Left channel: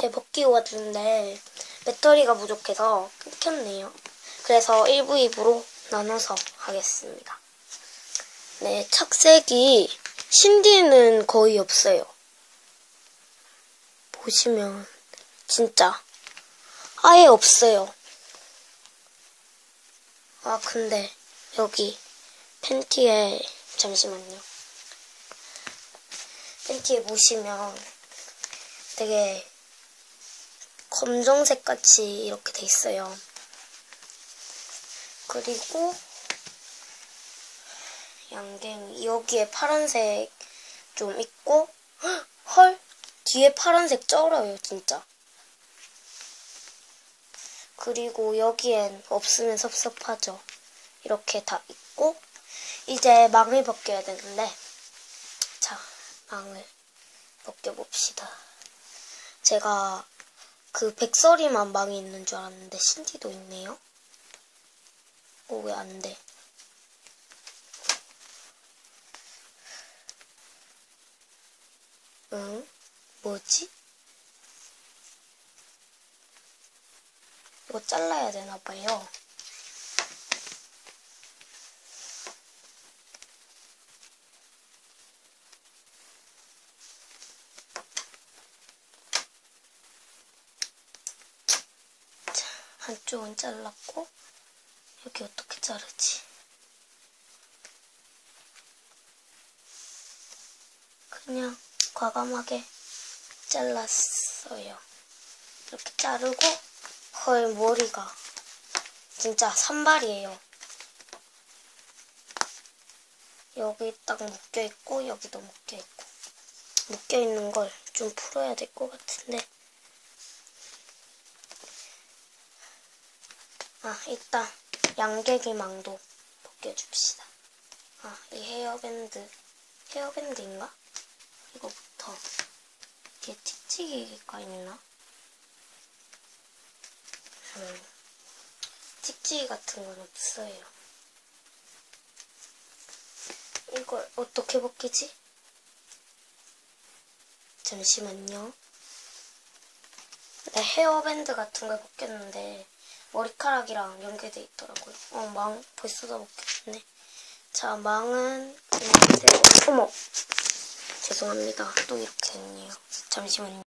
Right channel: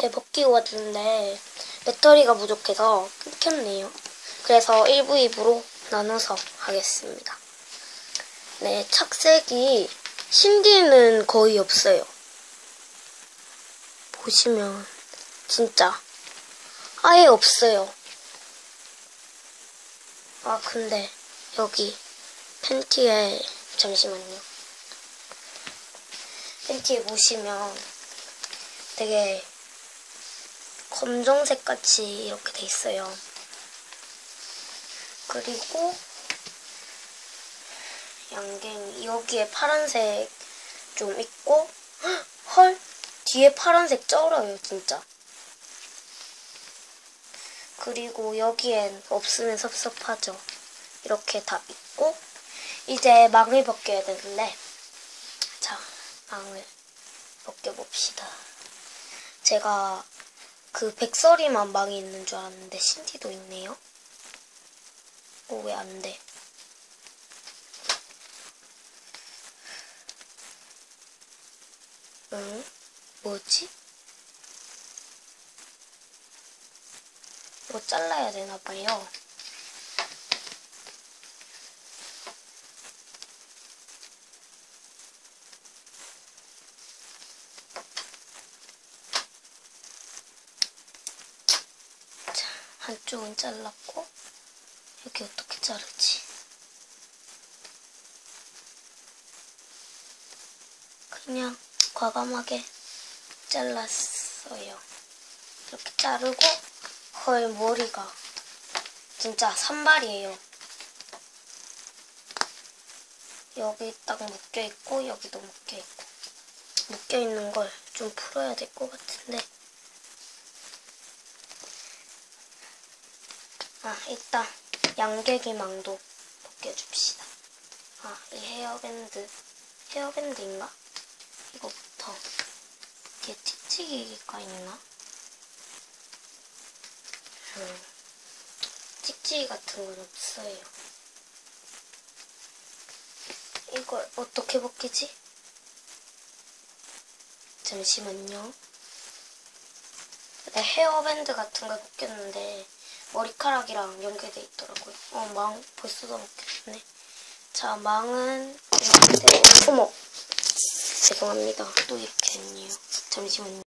네, 벗기고 왔는데 배터리가 부족해서 끊겼네요. 그래서 1부, 2부로 나눠서 하겠습니다. 네, 착색이 신디는 거의 없어요. 보시면 진짜 아예 없어요. 아 근데 여기 팬티에 잠시만요. 팬티에 보시면 되게 검정색 같이 이렇게 돼 있어요. 그리고 양갱이 여기에 파란색 좀 있고 헉, 헐 뒤에 파란색 쩔어요 진짜. 그리고 여기엔 없으면 섭섭하죠. 이렇게 다 있고 이제 망을 벗겨야 되는데 자 망을 벗겨봅시다. 제가 그 백설이만 망이 있는 줄 알았는데 신디도 있네요. 어, 왜 안 돼? 응? 뭐지? 이거 잘라야 되나봐요. 자, 한쪽은 잘랐고, 여기 어떻게 자르지? 그냥 과감하게 잘랐어요. 이렇게 자르고, 헐, 머리가 진짜 산발이에요. 여기 딱 묶여있고, 여기도 묶여있고. 묶여있는 걸 좀 풀어야 될 것 같은데. 아, 일단 양계기망도 벗겨줍시다. 아, 이 헤어밴드. 헤어밴드인가? 이거부터. 이게 찍찍이가 있나? 음, 찍찍이 같은 건 없어요. 이걸 어떻게 벗기지? 잠시만요. 네, 헤어밴드 같은 걸 벗겼는데 머리카락이랑 연결돼 있더라고요. 어, 망 벌써 다 벗겼네. 자, 망은 이렇게 어머 죄송합니다. 또 이렇게 했네요. 잠시만요.